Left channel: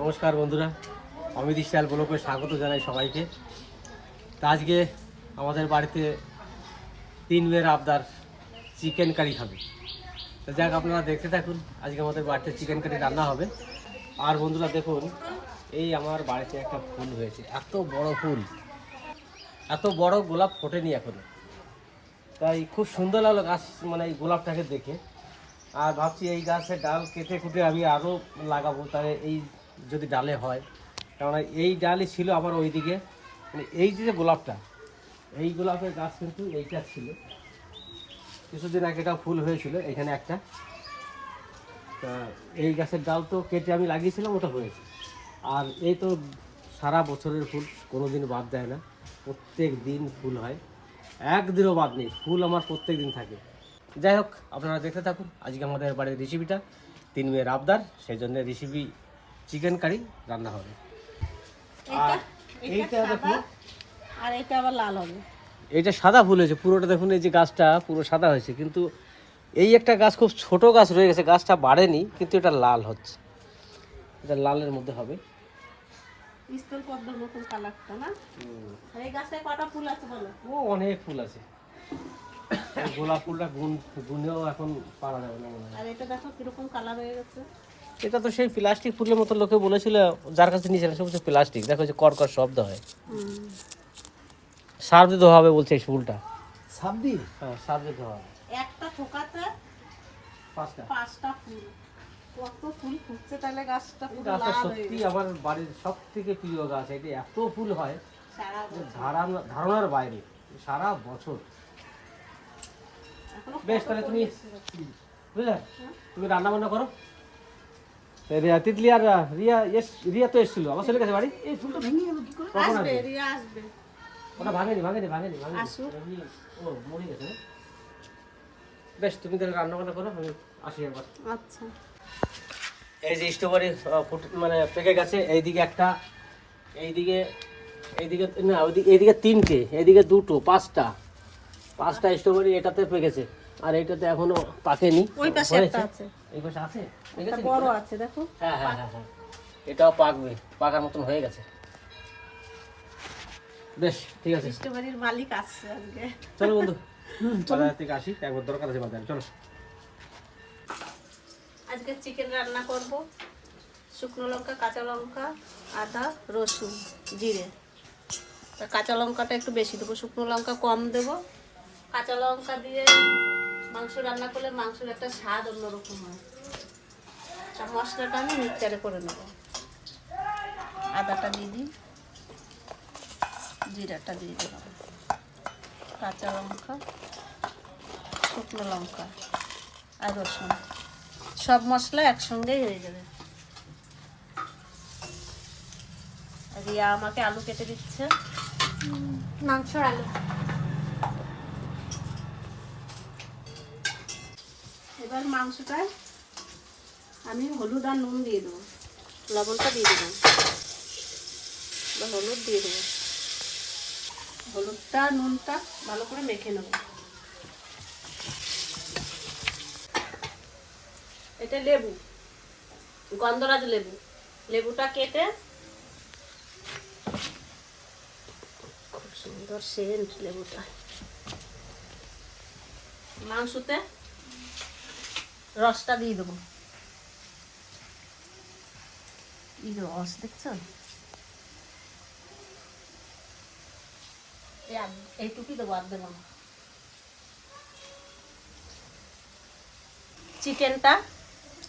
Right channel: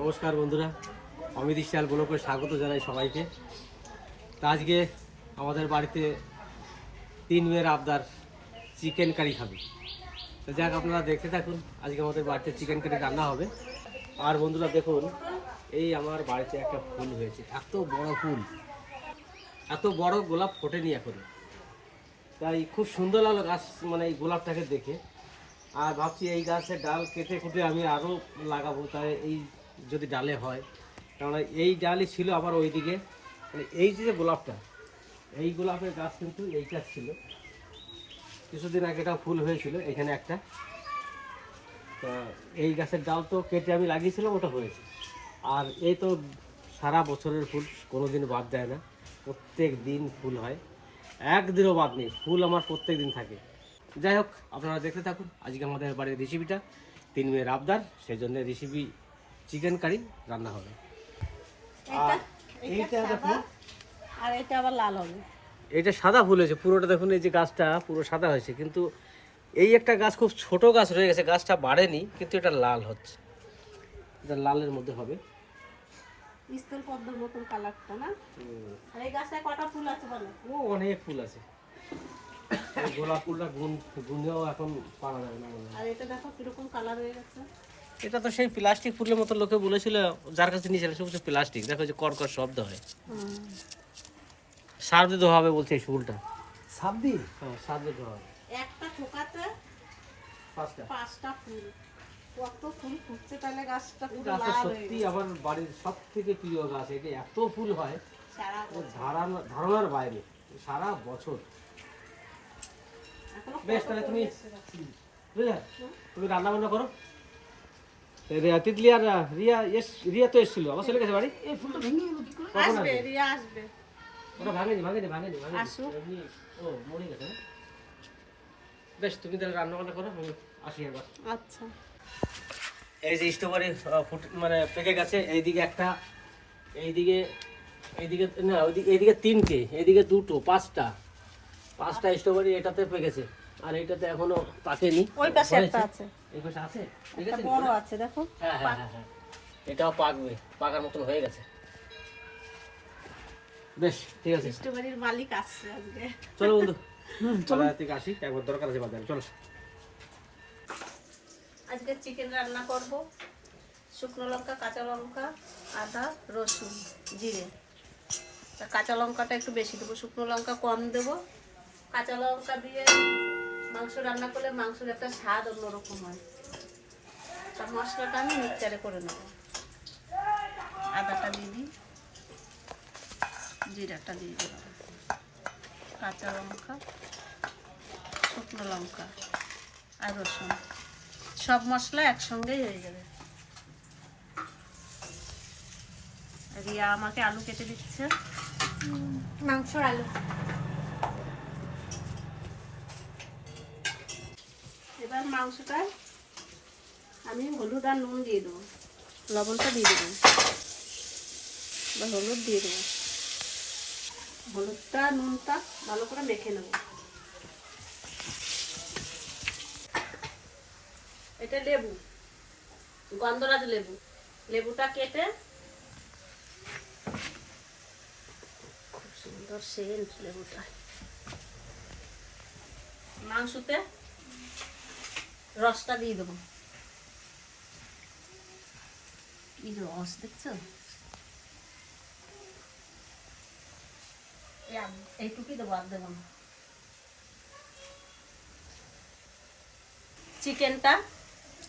নমস্কার বন্ধুরা, অমিত স্টাইল ব্লকে স্বাগত জানাই সবাইকে। তা আজকে আমাদের বাড়িতে তিন মেয়ের আবদার চিকেন কারি খাবে। তো যাক, আপনারা দেখতে থাকুন, আজকে আমাদের বাড়িতে চিকেন কারি রান্না হবে। আর বন্ধুরা দেখুন, এই আমার বাড়িতে একটা ফুল হয়েছে, এত বড় ফুল। এত বড় গোলাপ ফোটেনি এখনও। তাই খুব সুন্দর লাগল গাছ মানে এই গোলাপটাকে দেখে। আর ভাবছি এই গাছের ডাল কেটে কুটে আমি আরও লাগাবো, তাই এই যদি ডালে হয়, কেননা এই ডালই ছিল আমার ওইদিকে। মানে এই যে গোলাপটা, এই গোলাপের গাছ কিন্তু এইটা ছিল। কিছুদিন আগে এটা ফুল হয়েছিল, এখানে একটা। তা এই গাছের ডাল তো কেটে আমি লাগিয়েছিলাম, ওটা হয়েছে। আর এই তো সারা বছরের ফুল কোনো দিন বাদ দেয় না। প্রত্যেক দিন ফুল হয়। একদিনও বাদ নেই, ফুল আমার প্রত্যেক দিন থাকে। যাই হোক, আপনারা দেখতে থাকুন। আজকে আমাদের বাড়ির রেসিপিটা তিন মেয়ের আবদার, সেই জন্য রেসিপি চিকেন কারি রান্না হবে। আর এইটা দেখুন আর এটা আবার লাল হবে। এইটা সাদা ফুল হয়েছে পুরোটা দেখুন এই যে গাছটা পুরো সাদা হয়েছে। কিন্তু এই একটা গাছ খুব ছোট গাছ রয়ে গেছে গাছটা বাড়েনি কিন্তু এটা লাল হচ্ছে। এটা লালের মধ্যে হবে। স্থল পদ্মর মতন কালারটা না? আর এই গাছটায় কটা ফুল আছে বলো? ও অনেক ফুল আছে। গোলাপ ফুলটা গুন গুনেও এখন পারা যাবে না। আর এটা দেখো কীরকম কালার হয়ে গেছে। এটা তো সেই প্লাস্টিক ফুলের মতো লোকে বলেছিল যার কাছে নিয়েছিলেন সব প্লাস্টিক। দেখো যে কর্কর শব্দ হয়। সার দিতে হবে বলছে এই ফুলটা। সাপ দিয়ে হ্যাঁ সার দিতে হবে। একটা ঠোকাতে পাঁচটা। পাঁচটা ফুল। কত ফুল ফুটছে তাহলে গাছটা পুরো লাল হয়ে সত্যি আমার বাড়ির সব থেকে প্রিয় গাছ এটা এত ফুল হয় সারা। ধারণা ধারণার বাইরে সারা বছর। বেশ তাহলে তুমি বুঝলে। তুমি রান্না বান্না করো। রিয়া তিতলি আর রিয়া এস রিয়া তো এসেছিল আবার চলে গেছে বাড়ি। এই ফুলটা ভেঙে গেল কি করে? কখন আসবে আসবে? রিয়া আসবে। ওটা ভাঙেনি ভাঙেনি ভাঙেনি ভাঙেনি। আসুক। ও মরে গেছে? বেশ তুমি তাহলে রান্না বান্না করো আমি আসি একবার। আচ্ছা। এই যে স্ট্রবেরি ফুট মানে পেকে গেছে এইদিকে একটা এইদিকে এইদিকে না ওইদিকে এইদিকে তিনটে এইদিকে দুটো পাঁচটা। পাঁচটা স্ট্রবেরি এটাতে পেকেছে। আর এটা তো এখনও পাকেনি। ওই পাশে একটা আছে। এই পাশে আছে? একটা বড় আছে দেখো। হ্যাঁ হ্যাঁ হ্যাঁ হ্যাঁ। এটাও পাকবে। পাকার মতন হয়ে গেছে। বেশ ঠিক আছে। স্ট্রবেরির মালিক আসছে আজকে। চলো বন্ধু। বাজার থেকে আসি একবার দরকার আছে বাজারে চলো। আজকে চিকেন রান্না করব। শুকনো লঙ্কা কাঁচা লঙ্কা আদা রসুন জিরে। কাঁচা লঙ্কাটা একটু বেশি দেবো। শুকনো লঙ্কা কম দেবো। কাঁচা লঙ্কা দিয়ে মাংস রান্না করলে মাংসের একটা স্বাদ অন্যরকম হয়। তা মশলাটা আমি মিক্সচারে করে নেব। আদাটা দিয়ে দিই। জিরাটা দিয়ে দিলাম। কাঁচা লঙ্কা, শুকনো লঙ্কা আর রসুন। সব মশলা একসঙ্গেই হয়ে যাবে। রিয়া আমাকে আলু কেটে দিচ্ছে। মাংস আলু। এবার মাংসটায় আমি হলুদ আর নুন দিয়ে দেবো। লবণটা দিয়ে দেবো। হলুদ দিয়ে দেবো। হলুদটা নুনটা ভালো করে মেখে নেব। এটা লেবু, গন্ধরাজ লেবু। লেবুটা কেটে খুব সুন্দর সেন্ট লেবুটা। মাংসতে রসটা দিয়ে দেবো। কি রস দেখছ? এইটুকুই দেবো আর দেবো চিকেনটা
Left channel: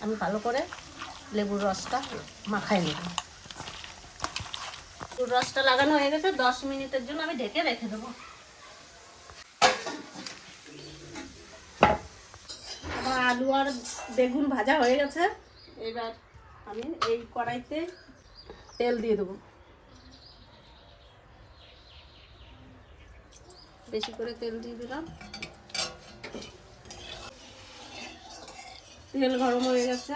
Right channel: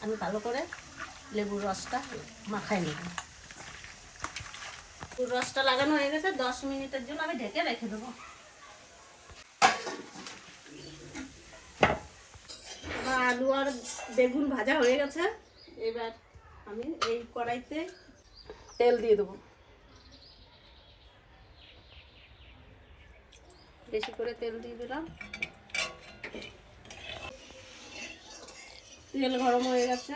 আমি ভালো করে লেবুর রসটা মাখাই নেব। রসটা লাগানো হয়ে গেছে, দশ মিনিটের জন্য আমি ঢেকে রেখে দেবো আমার আলু আর বেগুন ভাজা হয়ে গেছে। এবার আমি এই কড়াইতে তেল দিয়ে দেবো। বেশি করে তেল দিয়ে দিলাম। তেল গরম হয়ে গেছে।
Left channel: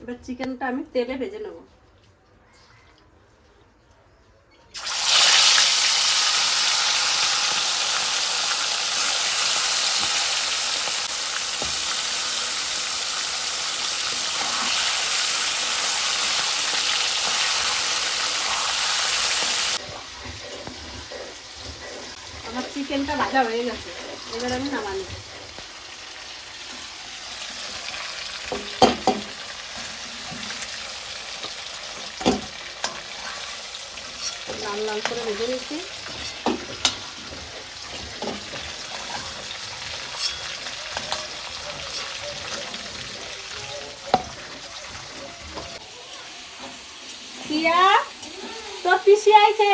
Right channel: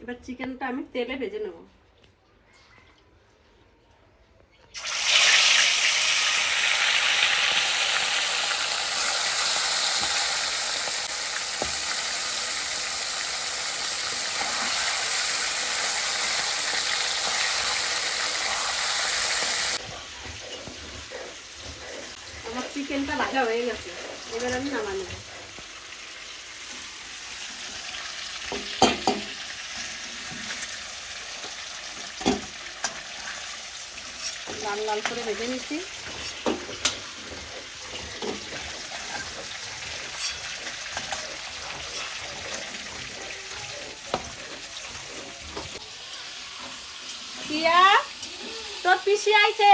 এবার চিকেনটা আমি তেলে ভেজে নেব। ভাজা হয়ে গেছে। এবার আমি নামানি লাল লাল করে ভেজে নিচ্ছি। পিয়া, তোর পিসি আইছে?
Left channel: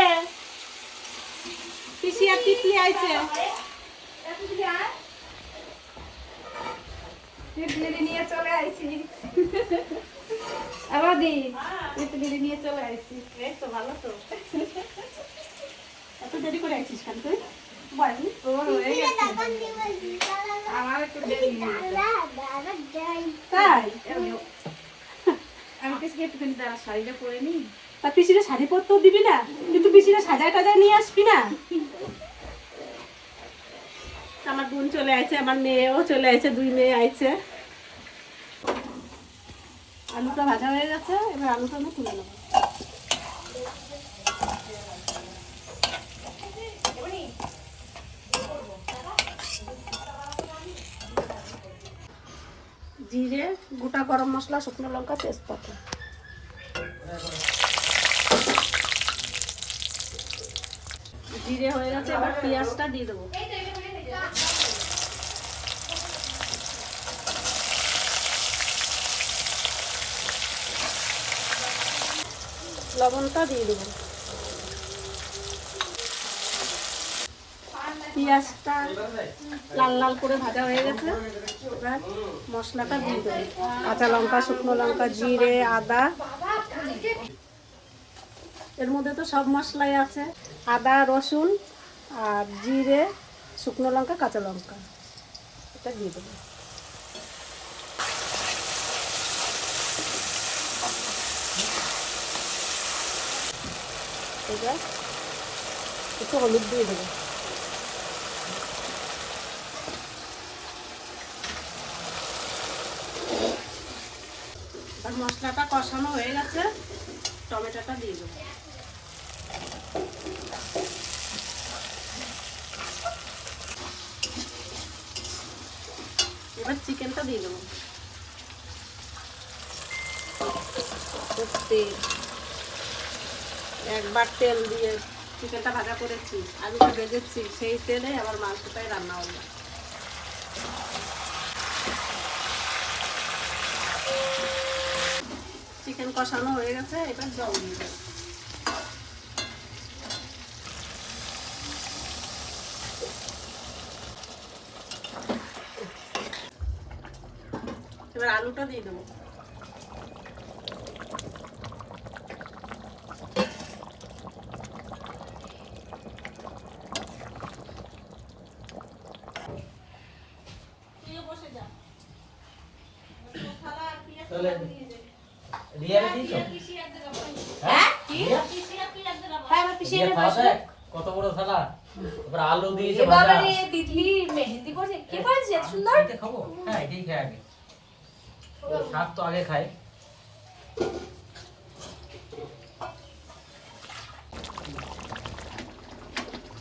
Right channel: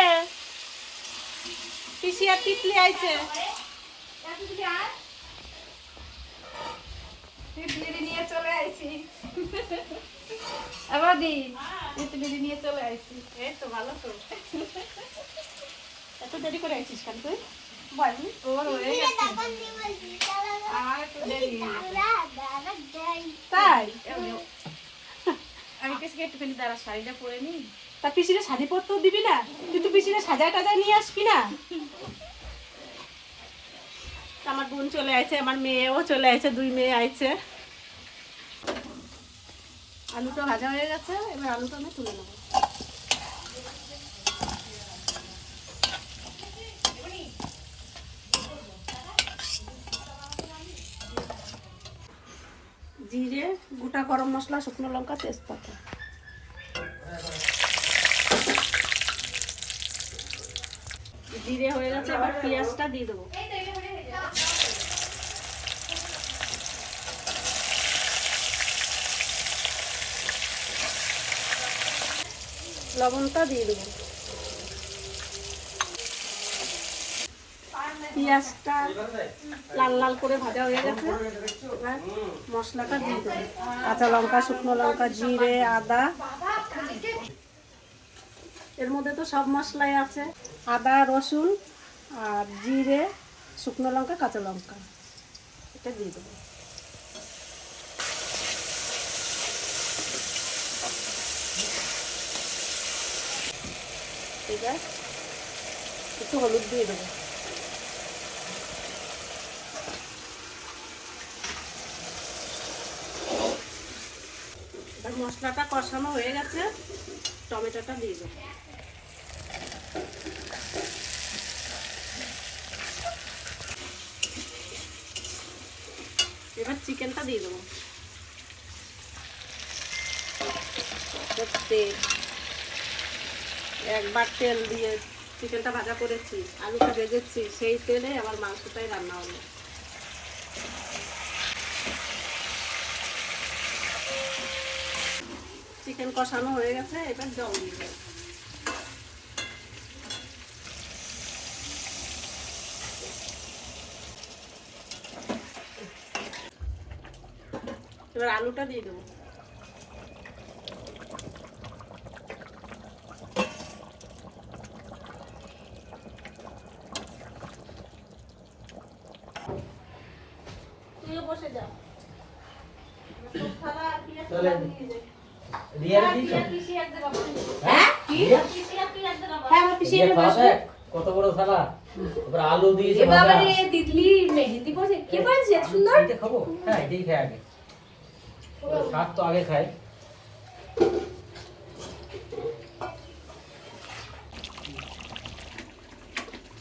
পিসি আর তিতলি আইছে। নিয়ে চলে আইছি। আবার দি নিয়ে চলে আইছি। এই তো ভালো তো। এত দেরি করে আইছিস কেন তুই? হয়ে আমি কাছে একটুখানি তারা শাড়িটা পরে নিই। তা পিসিরে শাড়ি পরতেও দিবি না? কিন্তু পিসিরে সাজায় টাজায় নিয়ে আসবি না? আমার বোন চলে আসছে, আমার মেয়েও চলে আসছে, দুই মেয়ে আইছে। আলুটা ভাজা হয়ে গেছে, এবার আলুটা আমি তুলে নেব। জিরে, গোটা গরম মশলা, শুকনো লঙ্কা, তেজপাতা। জিরে হয়ে গেছে, এবার পেঁয়াজটা দিয়ে দেবো। লবণটা দিয়ে দেবো। পেঁয়াজটা লাল লাল করে ভাজা হয়ে গেছে। এবার মশলাটা দিয়ে দেবো। কাঁচা লঙ্কা, শুকনো লঙ্কা, জিরে, আদা। এর মধ্যে তো সব মশলাই আছে। আদা, রসুন আর জিরে, শুকনো লঙ্কা, কাঁচা লঙ্কা। এটা দিয়ে দেবো। একটু হলুদ দিয়ে দেবো। মশলাটা কষানো হয়ে গেছে, টমেটোটা দিয়ে দেবো। এবার চিকেনটা দিয়ে দেবো। তেল। একবার তেল দিয়ে চিকেনটা ভাজা করেছি, আলুটা ভেজেছি, সেই তেলে আবার মাংসটাই রান্না হলো। চিকেন কষানো হয়ে গেছে, এবার জল দিয়ে এবার আলুটা দিয়ে দেবো তুইও বসে যা চলে রিয়ারে দিছো হ্যাঁ কি দিয়ে? হ্যাঁ আমার পিসি দিয়ে এনে খাওয়া বসবে দেয়? কত বড় থালা তারপর আলু দিয়েছে ভাজা। মেহেন্দি পরে কি পরেছে সুন্দর? খাব? হ্যাঁ এটাই খাই আগে। শাক তো আগে খাই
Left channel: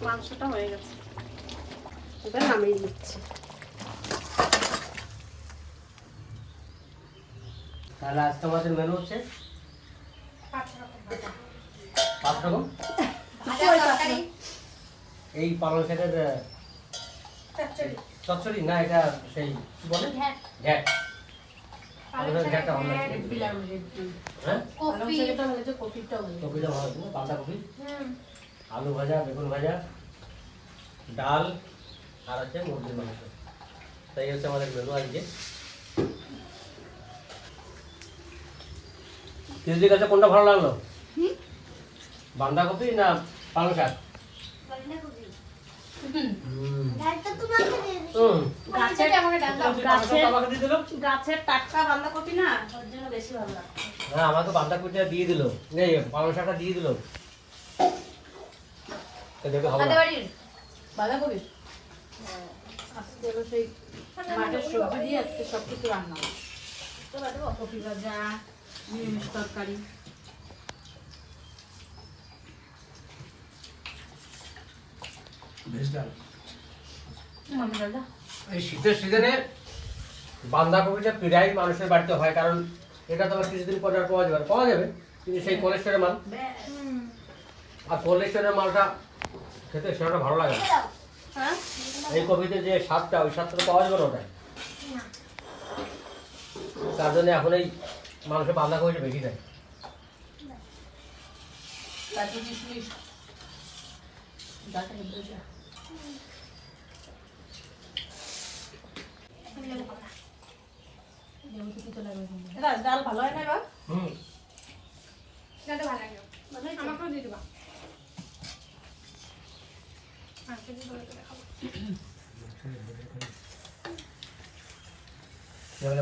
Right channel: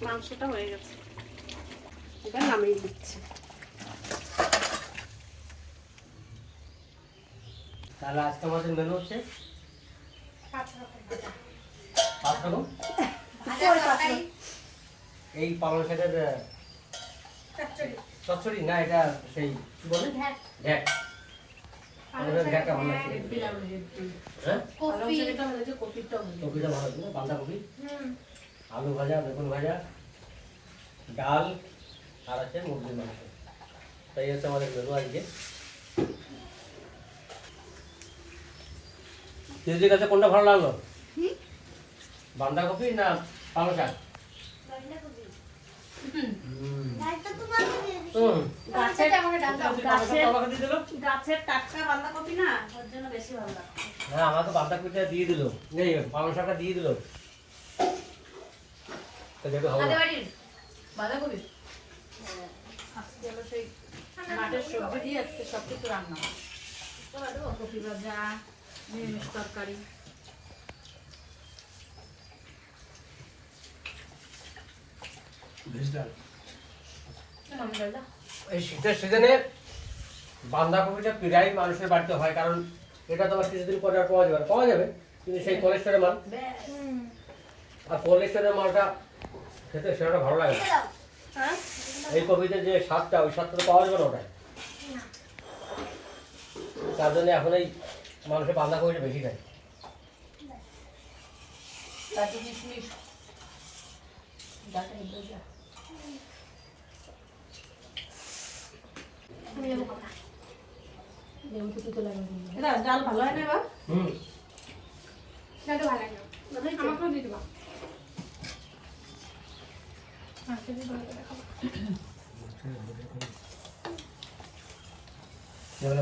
মাংসটা হয়ে গেছে। এবার নামিয়ে দিচ্ছি। তাহলে আজকে আমাদের মেনু হচ্ছে পাঁচ রকম এই পালং শাকের চচ্চড়ি। না এটা সেই কি বলে? ঘ্যাট। ঘ্যাটটা হ্যাঁ? বাঁধাকপি আলু ভাজা বেগুন ভাজা ডাল আর আছে মুরগির মাংস। তাই হচ্ছে আমাদের মেনু আজকে। তিনজির কাছে কোনটা ভালো লাগল? বাঁধাকপি না পালং শাক? আমাকে বাঁধাকপিটা দিয়ে দিলো। এই পালং শাকটা দিয়ে দিলো। বাঁধাকপি? আজকে সেই মাঠের সবজি দিয়ে আজকে সব রান্না। কপি ভাজা নিরামিষ তরকারি। এই শীতের সিজনে বাঁধাকপিটা প্রায় মানুষের বাড়িতে হয় কারণ এটা তোমার কিছুদিন পরে আর পাওয়া যাবে। পাওয়া যাবে কিন্তু সেই কোলেস্টোরের মাল। আর কোলেস্টোরের মালটা খেতে সেটা ভালো লাগে হ্যাঁ? এই কপিতে যে স্বাদটা ওই স্বাদটা পাওয়া যাবে না ওটাই তার জন্য এখন এই মানুষের বাঁধাকপিটা বেশি দেয়। কাজু কিশমিশ। ডাল ভালো হয় না এবার? হুম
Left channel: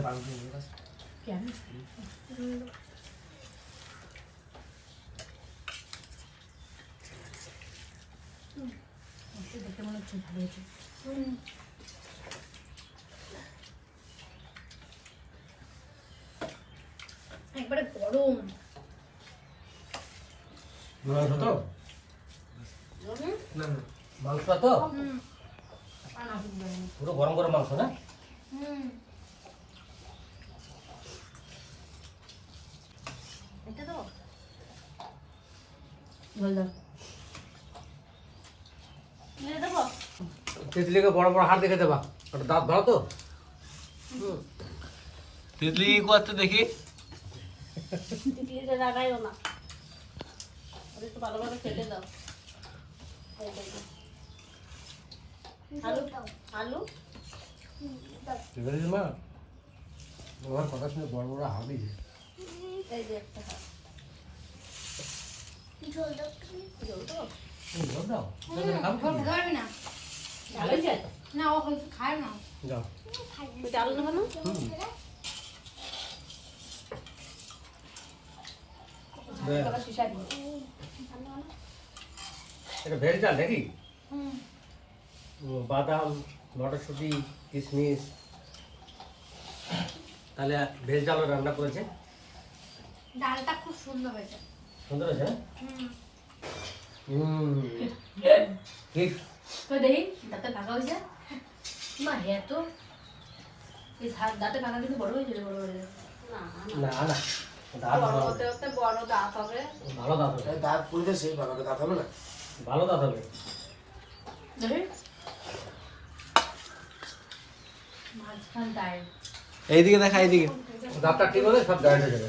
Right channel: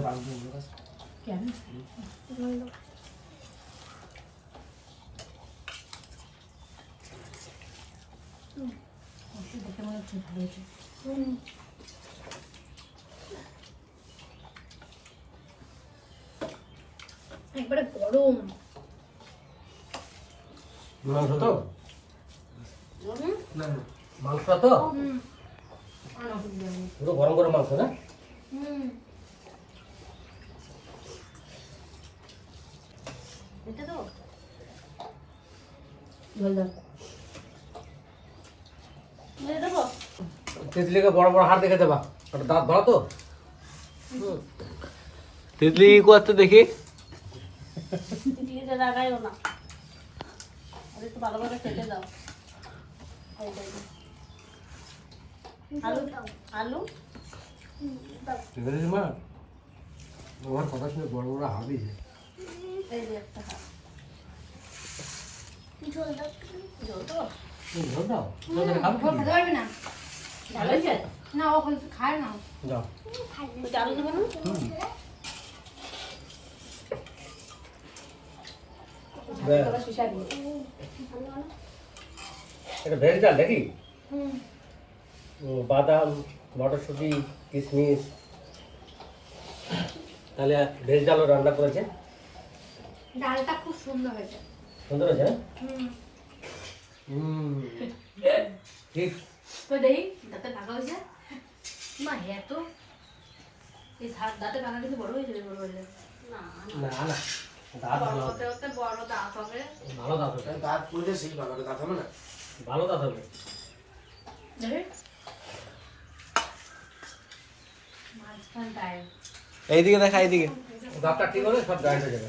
ভালো হয়েছে? কেন ওকে দেখে মনে হচ্ছে ভালো হয়েছে। একবারে গরম। মাংস তো? না মাংসটা তো? পুরো গরম গরম মাংস না? এটা তো। তিতলিকে বড় বড় হাড় দেখে দেবা। ওটা দাঁত ভালো তো। তিতলি কি করতে দেখি। আলু আলু? মা আমার কথা শুনে বড় বড় হাড় দিয়েছে। এই যে একটা হাত জল তো জল দাও জল দিলে খাবে কি? না। ও খায় না যাও ওই আলু না? বে- শিশা দিয়ে। এটা ভেজ ডাল দেখি বাদাম মটরশুঁটি কিশমিশ তাহলে ভেজ ডালও রান্না করেছে? ডালটা খুব সুন্দর হয়েছে। সুন্দর আছে না? হুম। ঠিক তো দেখি দাঁতে হয়েছে মা হ্যাঁ তো এই দাঁতে ভাগা কিন্তু বড় হয়েছে রে, বড় বড় না না না দাঁত ভালো হতে হতে বড় দাঁত হবে ভালো দাঁত হবে দাঁত পুড়ে সেই ভালো দাঁত হবে না ভালো দাঁত হবে এইদিকে। দেখা এইদিকে দাঁতটা ঠিক হলে সব হয়ে যাবে।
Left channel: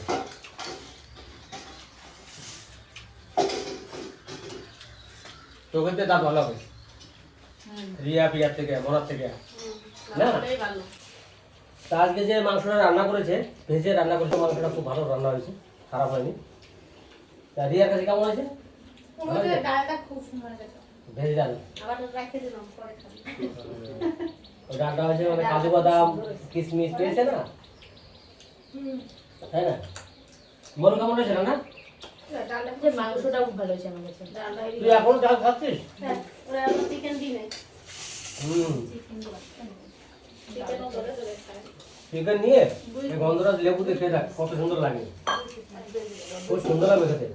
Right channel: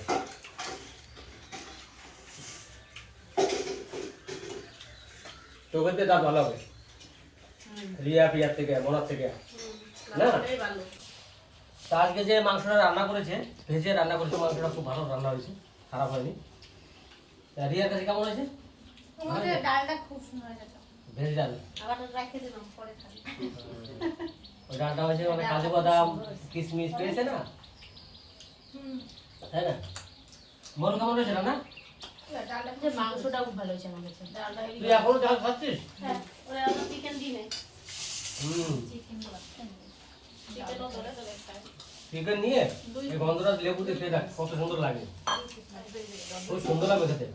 চোখের দাঁত ভালো হবে। রিয়া পিয়ার থেকে মনার থেকে। না? তা আজকে যে মাংসটা রান্না করেছে ভেজে রান্না করেছে মাংসটা খুব ভালো রান্না হয়েছে খারাপ হয়নি। তা রিয়ার কাছে কেমন হয়েছে? ভেজ ডাল। ওই ডালটা হয়েছে মানে কাজু বাদাম কিশমিশ পেয়েছে না? তাই না? মরু কেমন হয়েছে না? যে ভালো হয়েছে আমার কাছে। তুই এখন ডাল খাচ্ছিস? হ্যাঁ, চিকেন হুম। চিকেন নিয়ে। এই গন্ধরাজ লেবু দিয়ে খেয়ে দেখ কত সুন্দর লাগে। খুব সুন্দর লাগবে খেতে।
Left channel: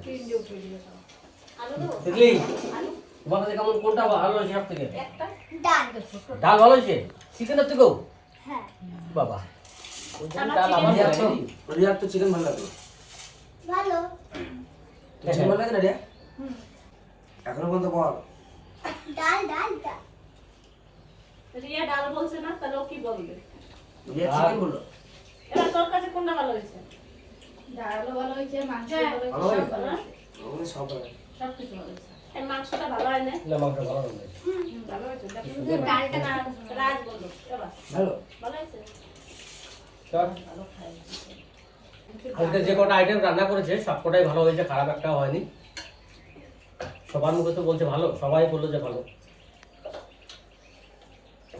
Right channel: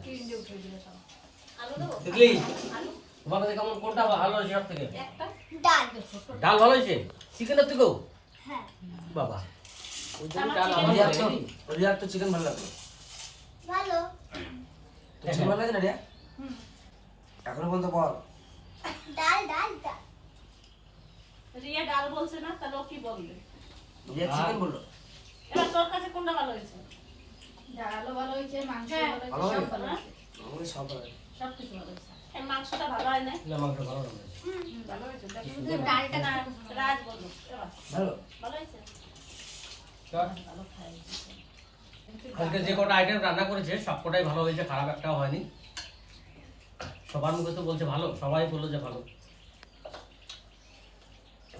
আলু দেবো বুঝলি আলু? তোমার কাছে কেমন কোনটা ভালো হয়েছে সব থেকে? ডাল ডাল ভালো হয়েছে? চিকেনের থেকেও? হ্যাঁ। বাবা। ওই ডাল আমার। রিয়ার তো চিকেন ভালো লাগে ভালো। লাগে না এখনও পর্যন্ত বল। ডাল ডাল ডাল। রিয়া ডাল বলছে না তাহলে ও কি বলবে? রিয়া চিকেন বলল। এবার তোর কাছে কোনটা ভালো হয়েছে? ডালও ভালো হয়েছে মাংস হ্যাঁ। ভালো হয়েছে ভালো সব ভালো হয়েছে। সব ভালো সব কিছু ভালো হয়েছে। এই মাংসটা ভালো হয় না? না মাংস ভালো হয়েছে। ভালো হয়েছে। ডালটা না, রাজ বলল ভালো। ভালো হয়েছে? চল। আজকে যে কটা আইটেম রান্না করেছে সবকটাই ভালো হয়েছে খারাপ একটাও হয়নি। সবার মুখে তো বলছে ভালো সবাই বলল যে ভালো।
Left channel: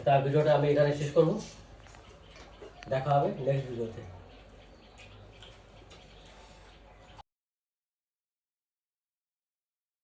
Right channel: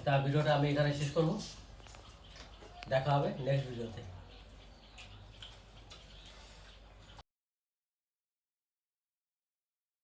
তার ভিডিওটা আমি এখানে শেষ করব। দেখা হবে নেক্সট ভিডিওতে